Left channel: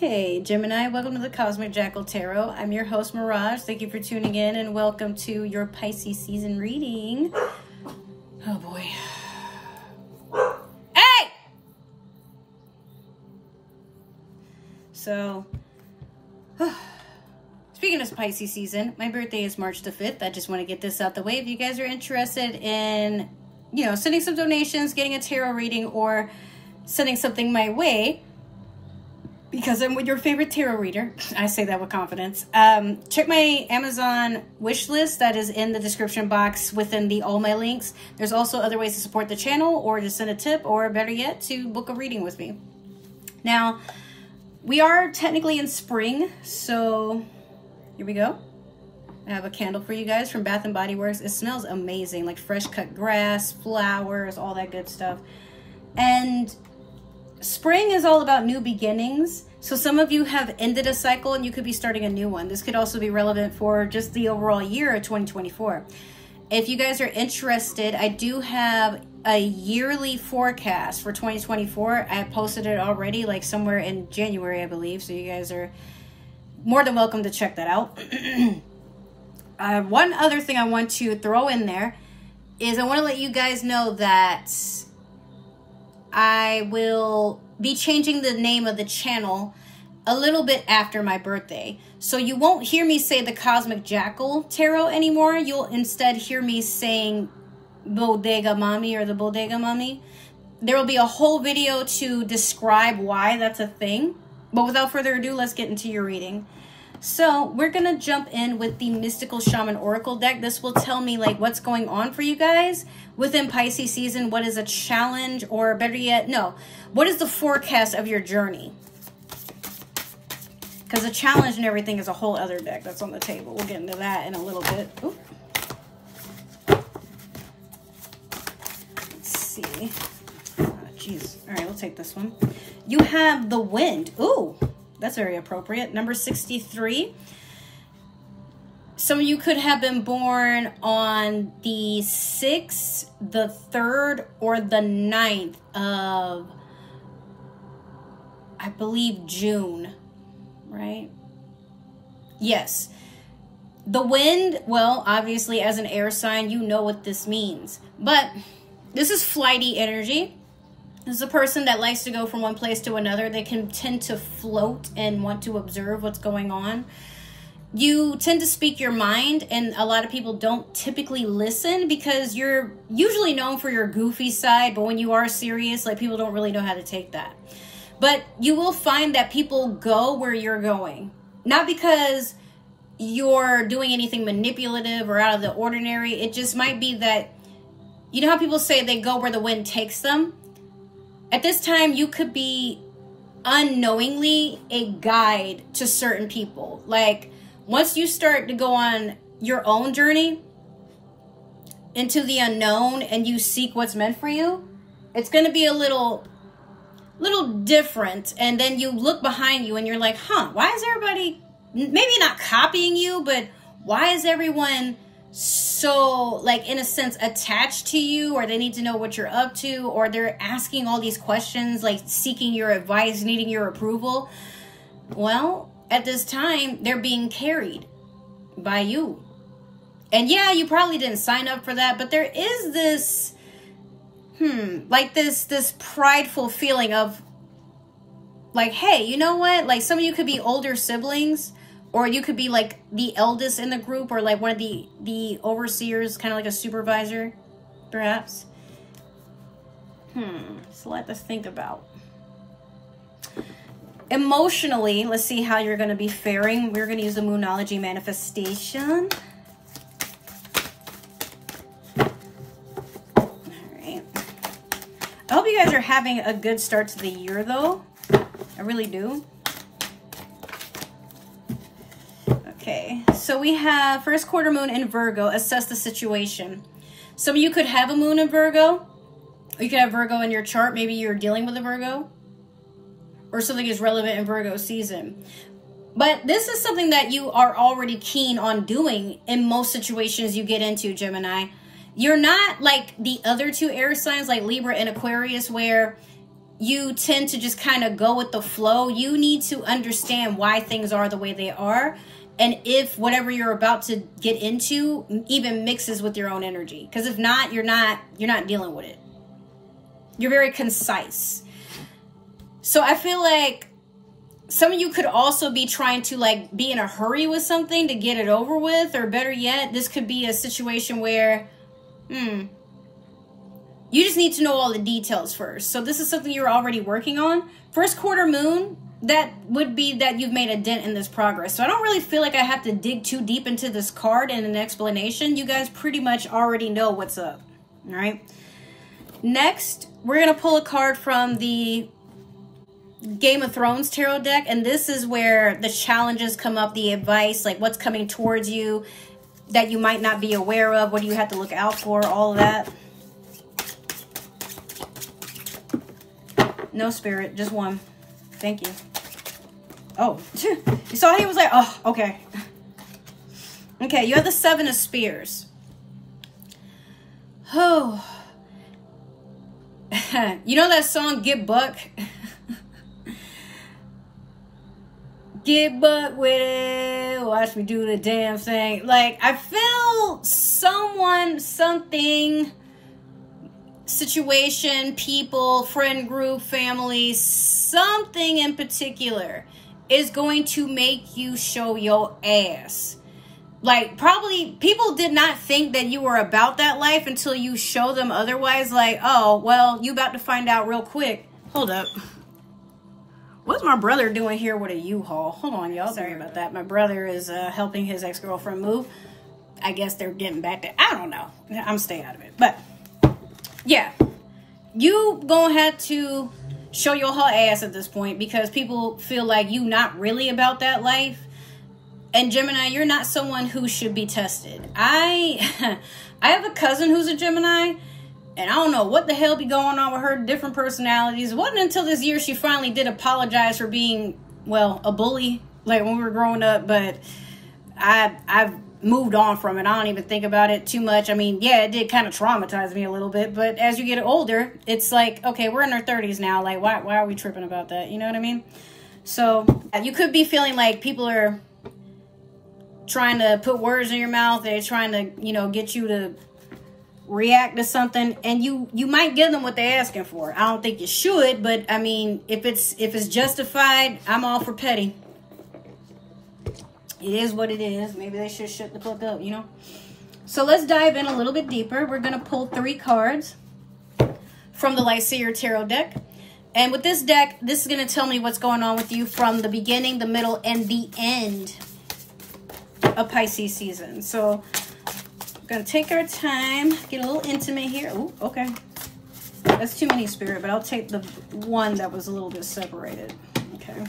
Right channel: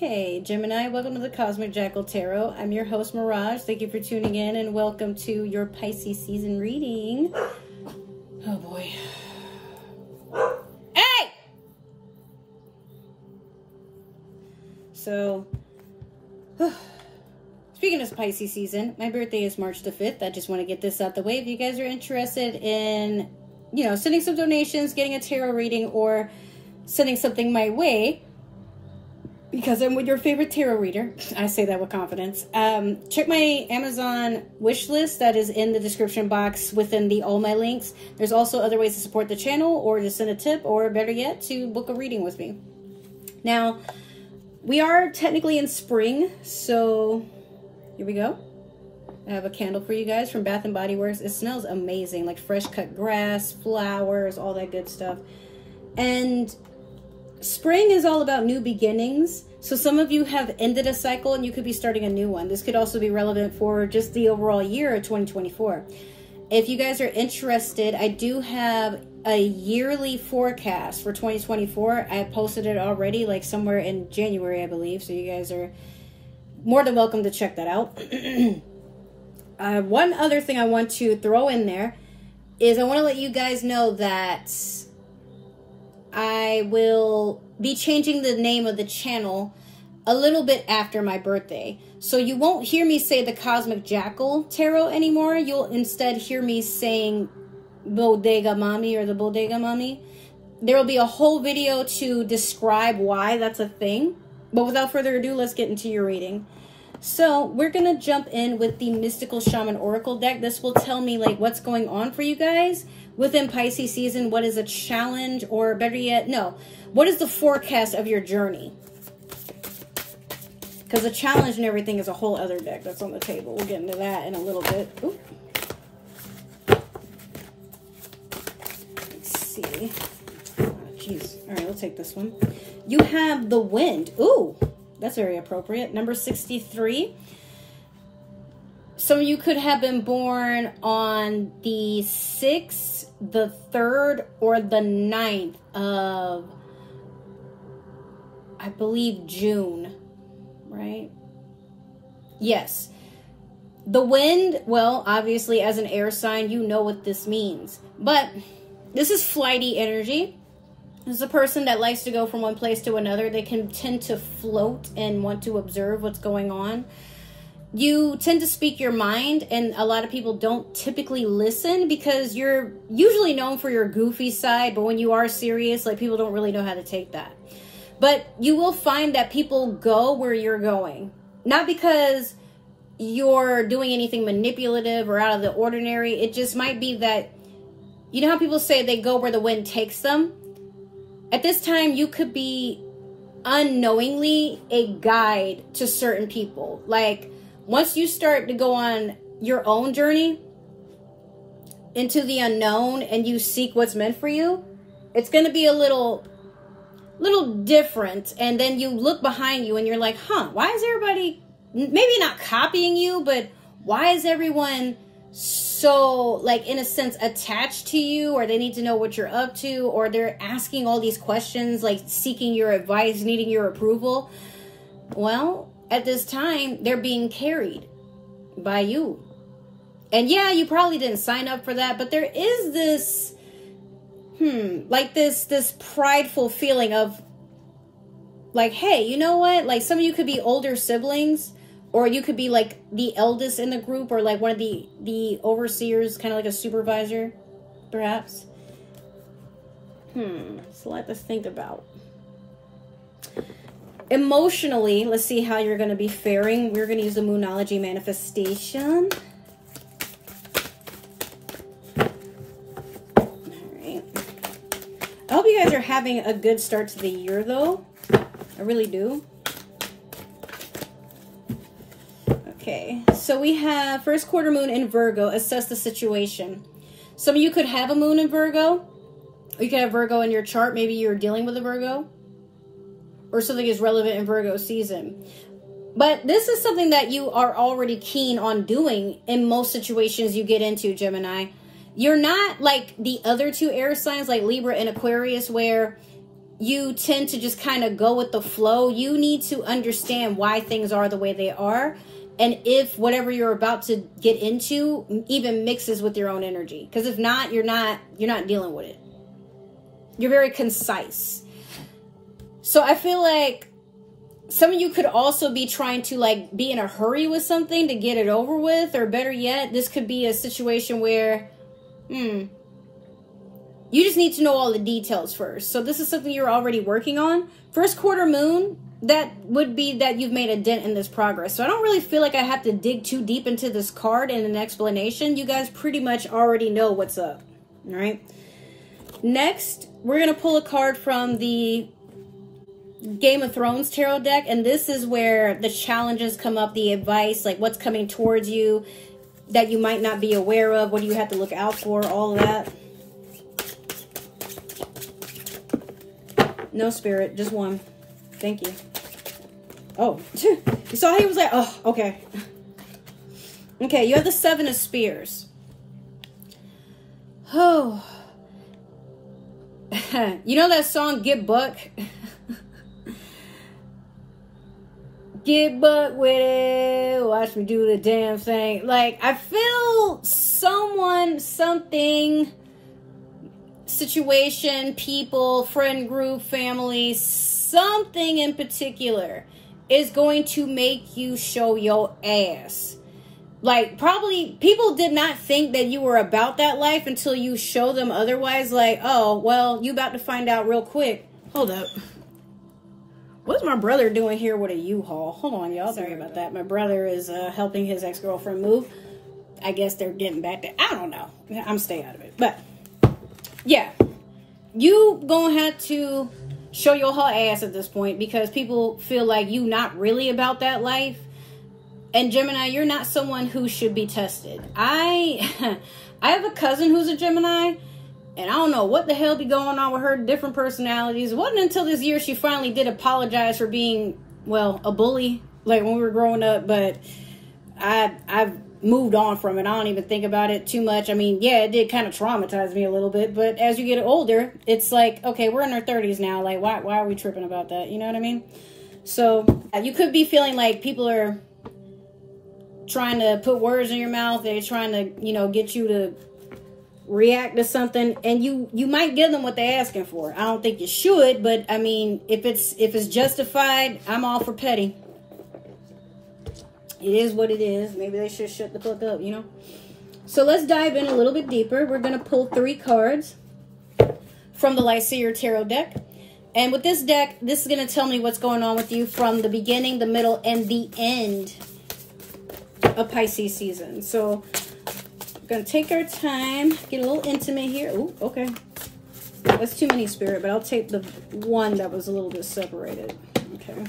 Hey Gemini, welcome to the Cosmic Jackal Tarot. I'm your host Mirage. Thank you for tuning in and welcome to your Pisces season reading. Oh boy. Hey! So, speaking of Pisces season, my birthday is March the 5th. I just want to get this out the way. If you guys are interested in, sending some donations, getting a tarot reading, or sending something my way, because I'm your favorite tarot reader, I say that with confidence, check my Amazon wish list that is in the description box within all my links. There's also other ways to support the channel or to send a tip, or better yet, to book a reading with me. Now, we are technically in spring, so here we go. I have a candle for you guys from Bath & Body Works. It smells amazing, like fresh cut grass, flowers, all that good stuff. And spring is all about new beginnings. So some of you have ended a cycle and you could be starting a new one. This could also be relevant for just the overall year of 2024. If you guys are interested, I do have a yearly forecast for 2024. I posted it already, like somewhere in January, I believe. So you guys are more than welcome to check that out. One other thing I want to throw in there is I want to let you guys know that I will be changing the name of the channel a little bit after my birthday. So you won't hear me say the Cosmic Jackal Tarot anymore. You'll instead hear me saying Bodega Mommy or the Bodega Mommy. There will be a whole video to describe why that's a thing. But without further ado, let's get into your reading. So we're going to jump in with the Mystical Shaman Oracle deck. This will tell me like what's going on for you guys within Pisces season. What is a challenge, or better yet, no, what is the forecast of your journey? Because the challenge and everything is a whole other deck that's on the table. We'll get into that in a little bit. Ooh. Let's see. Oh, geez. All right, we'll take this one. You have the Wind. Ooh. That's very appropriate. Number 63. Some of you could have been born on the 6th, the 3rd, or the 9th of, I believe, June, right? Yes. The Wind, well, obviously, as an air sign, you know what this means. But this is flighty energy. This is a person that likes to go from one place to another. They can tend to float and want to observe what's going on. You tend to speak your mind, and a lot of people don't typically listen because you're usually known for your goofy side, but when you are serious, like, people don't really know how to take that. But you will find that people go where you're going. Not because you're doing anything manipulative or out of the ordinary. It just might be that, you know how people say they go where the wind takes them? At this time, you could be unknowingly a guide to certain people. Like, once you start to go on your own journey into the unknown and you seek what's meant for you, it's going to be a little different. And then you look behind you and you're like, why is everybody maybe not copying you, but why is everyone so, like, in a sense, attached to you, or they need to know what you're up to, or they're asking all these questions, like seeking your advice, needing your approval? Well, at this time, they're being carried by you. And yeah, you probably didn't sign up for that, but there is this, like this prideful feeling of, like, hey, you know what? Like, some of you could be older siblings, or you could be like the eldest in the group, or like one of the overseers, kind of like a supervisor, perhaps. It's a lot to think about. Emotionally, let's see how you're going to be faring. We're going to use the Moonology manifestation. All right. I hope you guys are having a good start to the year, though. I really do. Okay, so we have first quarter moon in Virgo. Assess the situation. Some of you could have a moon in Virgo, or you could have Virgo in your chart. Maybe you're dealing with a Virgo, or something is relevant in Virgo season. But this is something that you are already keen on doing in most situations you get into, Gemini. You're not like the other two air signs, like Libra and Aquarius, where you tend to just kind of go with the flow. You need to understand why things are the way they are, and if whatever you're about to get into even mixes with your own energy. Because if not, you're not dealing with it. You're very concise. So I feel like some of you could also be trying to like be in a hurry with something to get it over with, or better yet, this could be a situation where, you just need to know all the details first. So this is something you're already working on. First quarter moon, that would be that you've made a dent in this progress. So I don't really feel like I have to dig too deep into this card and an explanation. You guys pretty much already know what's up. All right. Next, we're going to pull a card from the Game of Thrones tarot deck, and this is where the challenges come up, the advice, like what's coming towards you that you might not be aware of, what do you have to look out for, all of that. No, Spirit, just one. Thank you. Oh, you saw he was like, oh, okay. Okay, you have the Seven of Spears. Oh. You know that song, Get Buck? Get buck with it, watch me do the damn thing. Like, I feel someone, something, situation, people, friend group, family, something in particular is going to make you show your ass. Like, probably people did not think that you were about that life until you show them otherwise. Like, oh, well, you about to find out real quick. Hold up. What's my brother doing here with a U-Haul? Hold on, y'all. Sorry about that. My brother is helping his ex-girlfriend move. I guess they're getting back to... I don't know. I'm staying out of it. But, yeah. You gonna have to show your whole ass at this point because people feel like you not really about that life. And Gemini, you're not someone who should be tested. I have a cousin who's a Gemini. And I don't know what the hell be going on with her different personalities. It wasn't until this year she finally did apologize for being, well, a bully, like when we were growing up. But I've moved on from it. I don't even think about it too much. I mean, yeah, it did kind of traumatize me a little bit. But as you get older, it's like, okay, we're in our 30s now. Like, why are we tripping about that? You know what I mean? So you could be feeling like people are trying to put words in your mouth. They're trying to, you know, get you to react to something, and you might give them what they're asking for. I don't think you should, but I mean, if it's justified, I'm all for petty. It is what it is. Maybe they should shut the fuck up, you know. So let's dive in a little bit deeper. We're gonna pull 3 cards from the Lyseer Tarot deck, and with this deck, this is gonna tell me what's going on with you from the beginning, the middle, and the end of Pisces season. So gonna take our time, get a little intimate here. Oh, okay. That's too many, Spirit, but I'll take the one that was a little bit separated. Okay.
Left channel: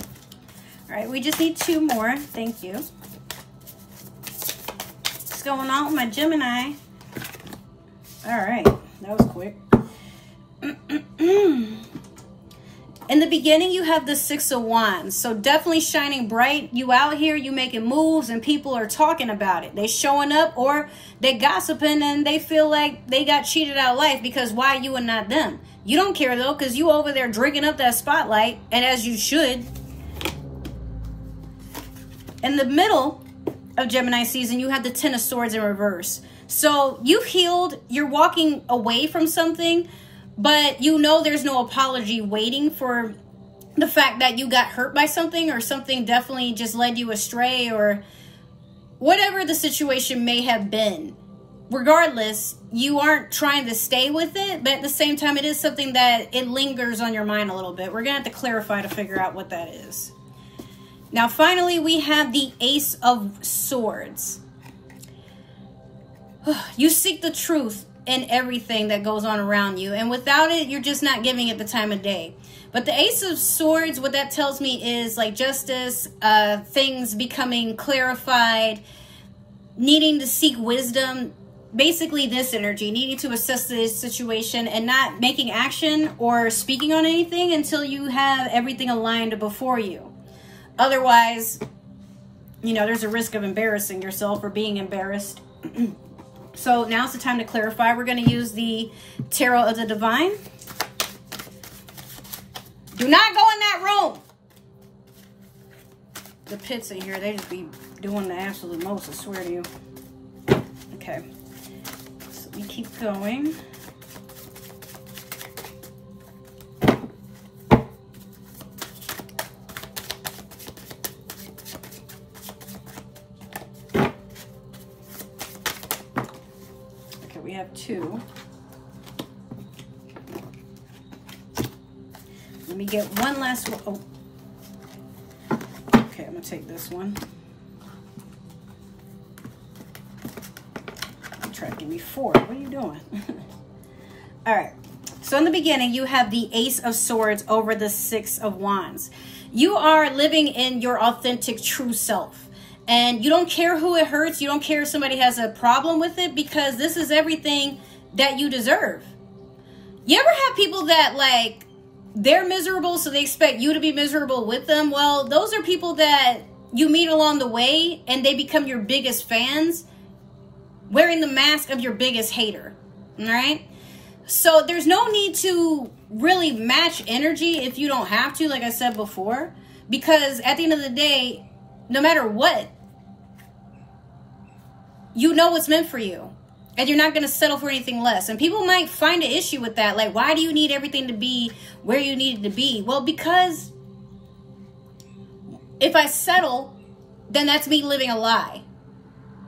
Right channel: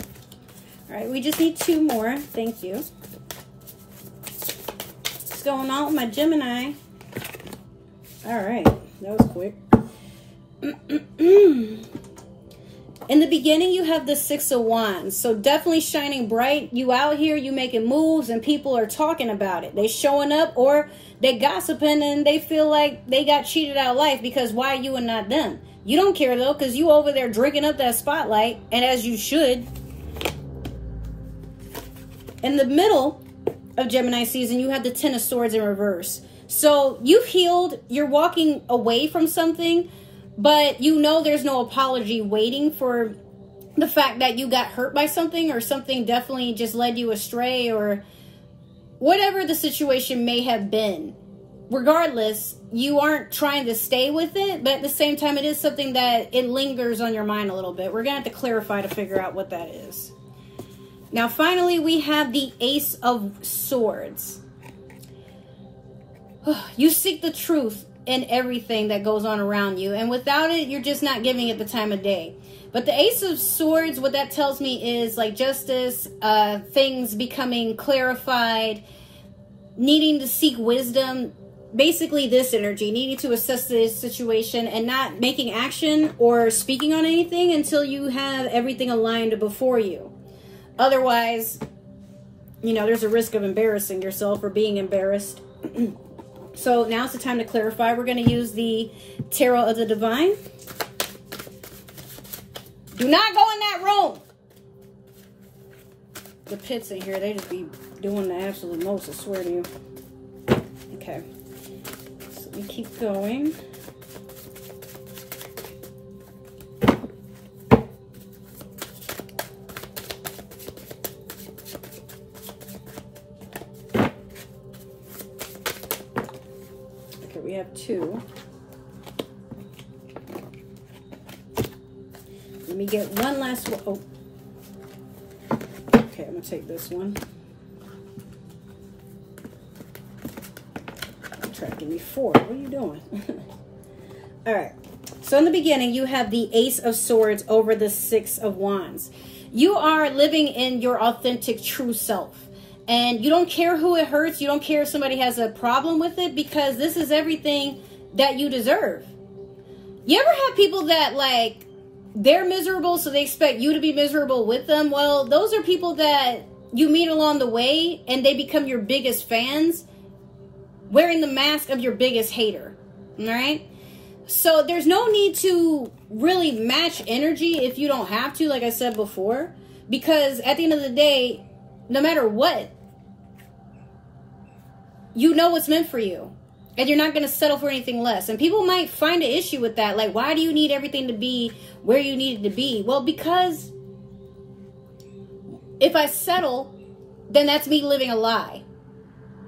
All right, we just need 2 more. Thank you. What's going on with my Gemini? All right, that was quick. In the beginning, you have the 6 of Wands. So definitely shining bright. You out here, you making moves, and people are talking about it. They showing up, or they gossiping, and they feel like they got cheated out of life because why you and not them? You don't care, though, because you over there drinking up that spotlight, and as you should. In the middle of Gemini season, you have the 10 of Swords in reverse. So you've healed. You're walking away from something, but you know there's no apology waiting for the fact that you got hurt by something, or something definitely just led you astray, or whatever the situation may have been. Regardless, you aren't trying to stay with it, but at the same time, it is something that it lingers on your mind a little bit. We're going to have to clarify to figure out what that is. Now, finally, we have the Ace of Swords. You seek the truth in everything that goes on around you, and without it, you're just not giving it the time of day. But the Ace of Swords, what that tells me is like justice, things becoming clarified, needing to seek wisdom, basically this energy, needing to assess this situation and not making action or speaking on anything until you have everything aligned before you. Otherwise, you know, there's a risk of embarrassing yourself or being embarrassed. So now's the time to clarify. We're going to use the Tarot of the Divine. Do not go in that room. The pits in here, they just be doing the absolute most, I swear to you. Okay. So we keep going. Okay, we have 2. Let me get one last one. Oh. Okay, I'm gonna take this one. Try to give me 4. What are you doing? All right. So in the beginning, you have the Ace of Swords over the 6 of Wands. You are living in your authentic, true self. And you don't care who it hurts. You don't care if somebody has a problem with it, because this is everything that you deserve. You ever have people that, like, they're miserable, so they expect you to be miserable with them? Well, those are people that you meet along the way, and they become your biggest fans, wearing the mask of your biggest hater. All right? So there's no need to really match energy if you don't have to, like I said before, because at the end of the day, no matter what, you know what's meant for you. And you're not going to settle for anything less. And people might find an issue with that. Like, why do you need everything to be where you need it to be? Well, because if I settle, then that's me living a lie.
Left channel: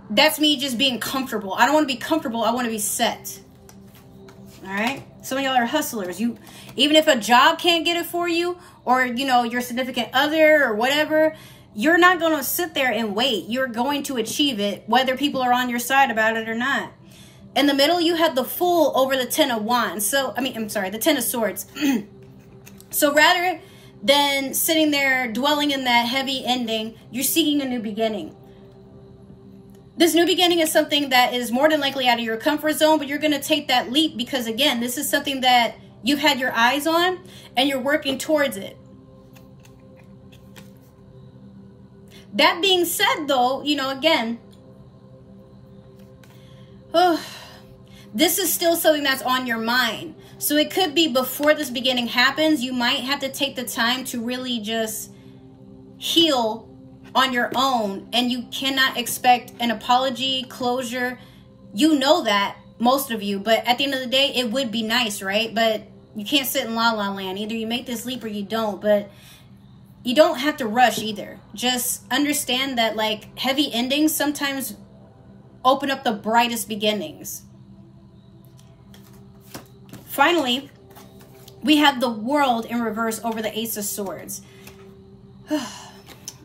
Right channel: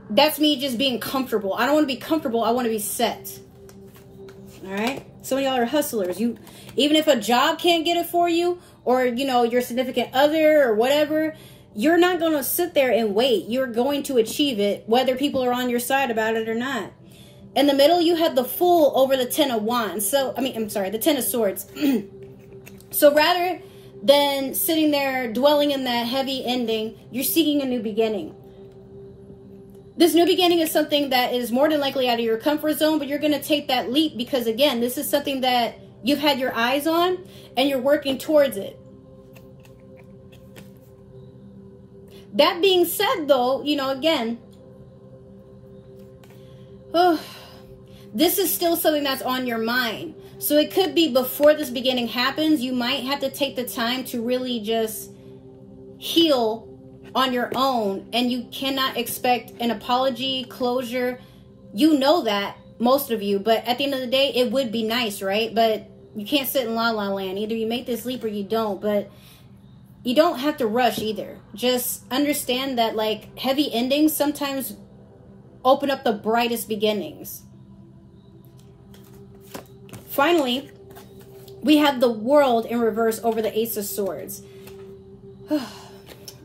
That's me just being comfortable. I don't want to be comfortable. I want to be set. All right? Some of y'all are hustlers. Even if a job can't get it for you, or, you know, your significant other or whatever, you're not going to sit there and wait. You're going to achieve it, whether people are on your side about it or not. In the middle, you have the Fool over the 10 of Wands. So, the 10 of Swords. So rather than sitting there dwelling in that heavy ending, you're seeking a new beginning. This new beginning is something that is more than likely out of your comfort zone, but you're going to take that leap because, again, this is something that you've had your eyes on and you're working towards it. That being said, though, you know, again, this is still something that's on your mind. So it could be before this beginning happens, you might have to take the time to really just heal on your own. And you cannot expect an apology, closure. You know that, most of you. But at the end of the day, it would be nice, right? But you can't sit in la-la land. Either you make this leap or you don't. But you don't have to rush either. Just understand that, like, heavy endings sometimes open up the brightest beginnings. Finally, we have the World in reverse over the Ace of Swords.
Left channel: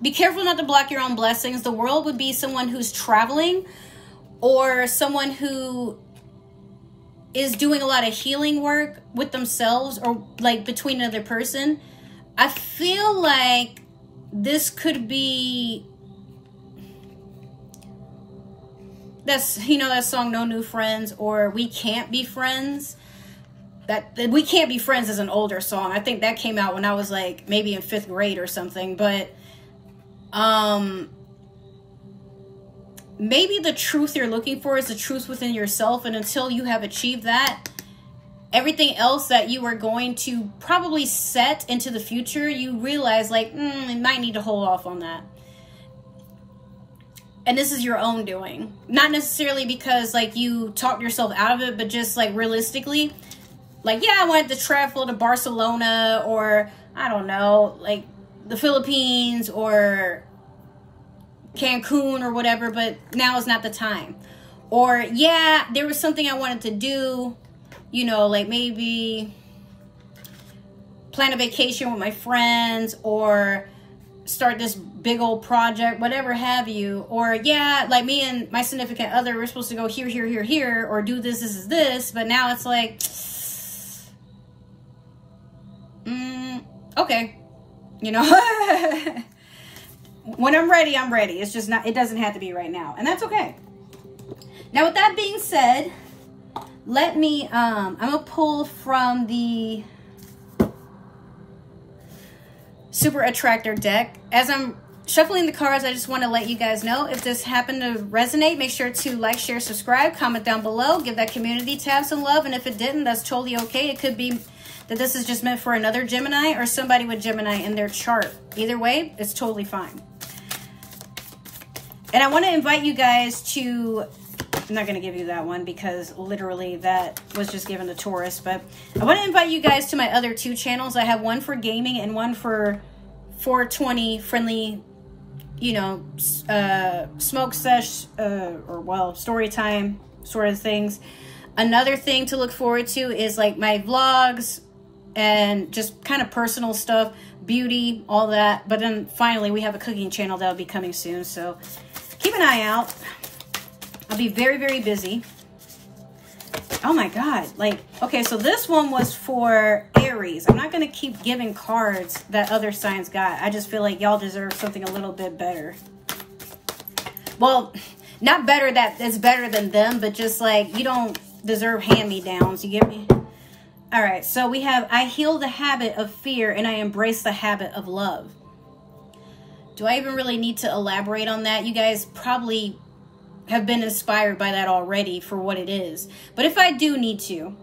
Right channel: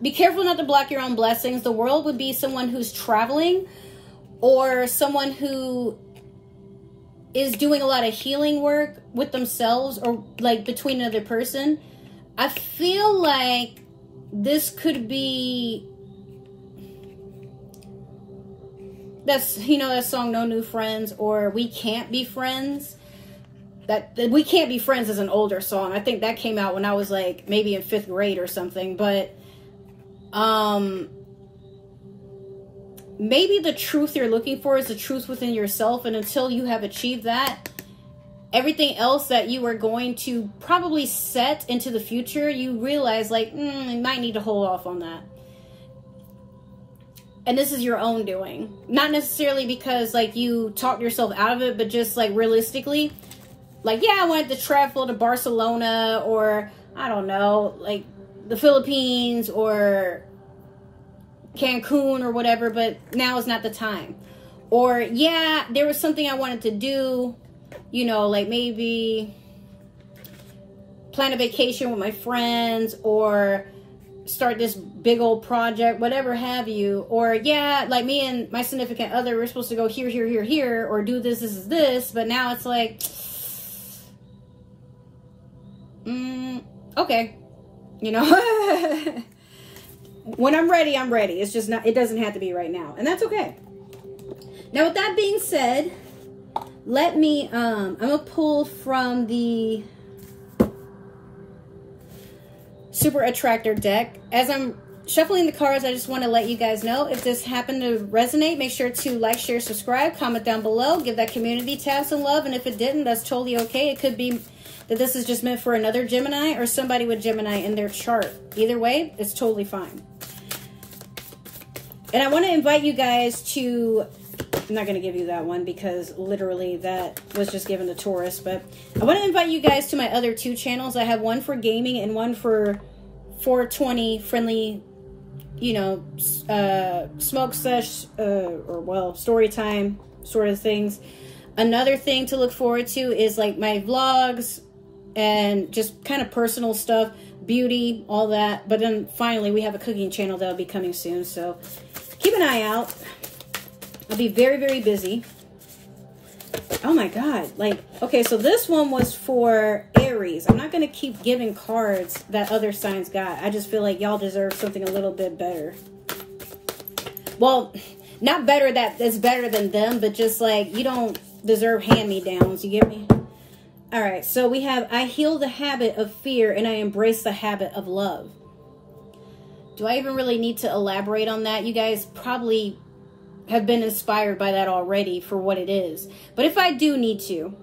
Be careful not to block your own blessings. The World would be someone who's traveling, or someone who is doing a lot of healing work with themselves, or like between another person. I feel like this could be, that's, you know, that song No New Friends, or We Can't Be Friends. That We Can't Be Friends is an older song. I think that came out when I was like maybe in 5th grade or something. But maybe the truth you're looking for is the truth within yourself. And until you have achieved that, everything else that you are going to probably set into the future, you realize, like, you might need to hold off on that. And this is your own doing. Not necessarily because, like, you talked yourself out of it, but just, like, realistically, like, yeah, I wanted to travel to Barcelona, or, I don't know, like, the Philippines, or Cancun, or whatever, but now is not the time. Or, yeah, there was something I wanted to do, you know, like maybe plan a vacation with my friends, or start this big old project, whatever have you. Or, yeah, like me and my significant other, we're supposed to go here, here, here, here, or do this, this, this. But now it's like, okay, you know, when I'm ready, I'm ready. It's just not, it doesn't have to be right now. And that's okay. Now, with that being said, let me, I'm going to pull from the Super Attractor deck. As I'm shuffling the cards, I just want to let you guys know, if this happened to resonate, make sure to like, share, subscribe, comment down below, give that community tab some love. And if it didn't, that's totally okay. It could be that this is just meant for another Gemini or somebody with Gemini in their chart. Either way, it's totally fine. And I want to invite you guys to, I'm not going to give you that one because literally that was just given to Taurus, but I want to invite you guys to my other 2 channels. I have one for gaming and one for 420 friendly, you know, smoke sesh, or well, story time sort of things. Another thing to look forward to is like my vlogs and just kind of personal stuff, beauty, all that. But then finally we have a cooking channel that'll be coming soon. So keep an eye out. I'll be very, very busy. Oh my God. Like, okay, so this one was for Aries. I'm not going to keep giving cards that other signs got. I just feel like y'all deserve something a little bit better. Well, not better that it's better than them, but just like you don't deserve hand-me-downs. You get me? All right, so we have, I heal the habit of fear and I embrace the habit of love. Do I even really need to elaborate on that? You guys probably have been inspired by that already for what it is. But if I do need to,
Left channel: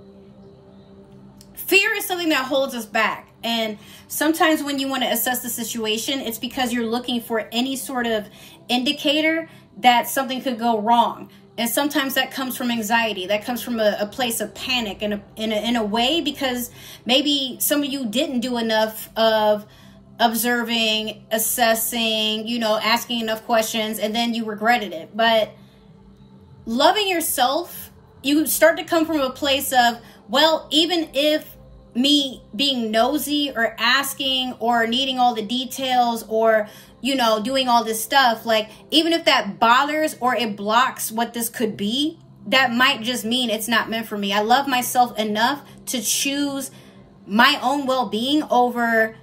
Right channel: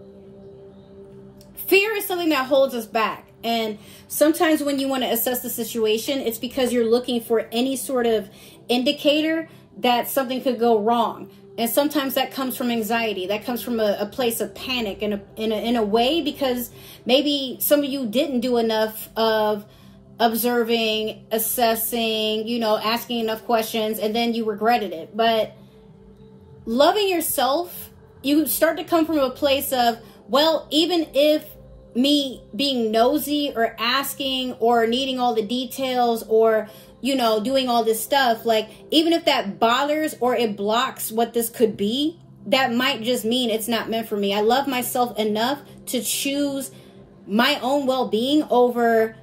fear is something that holds us back. And sometimes when you want to assess the situation, it's because you're looking for any sort of indicator that something could go wrong. And sometimes that comes from anxiety. That comes from a place of panic in a way, because maybe some of you didn't do enough of observing, assessing, you know, asking enough questions, and then you regretted it. But loving yourself, you start to come from a place of, well, even if me being nosy or asking or needing all the details or, you know, doing all this stuff, like, even if that bothers or it blocks what this could be, that might just mean it's not meant for me. I love myself enough to choose my own well-being over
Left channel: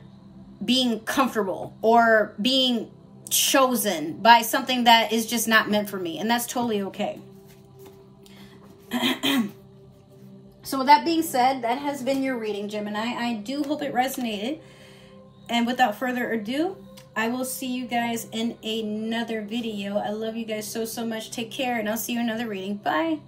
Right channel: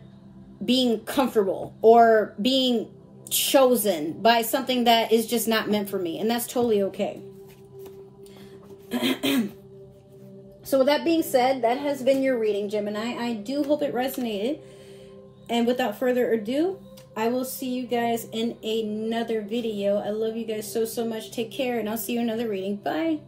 being comfortable or being chosen by something that is just not meant for me. And that's totally okay. So with that being said, that has been your reading, Gemini. I do hope it resonated. And without further ado, I will see you guys in another video. I love you guys so, so much. Take care, and I'll see you in another reading. Bye.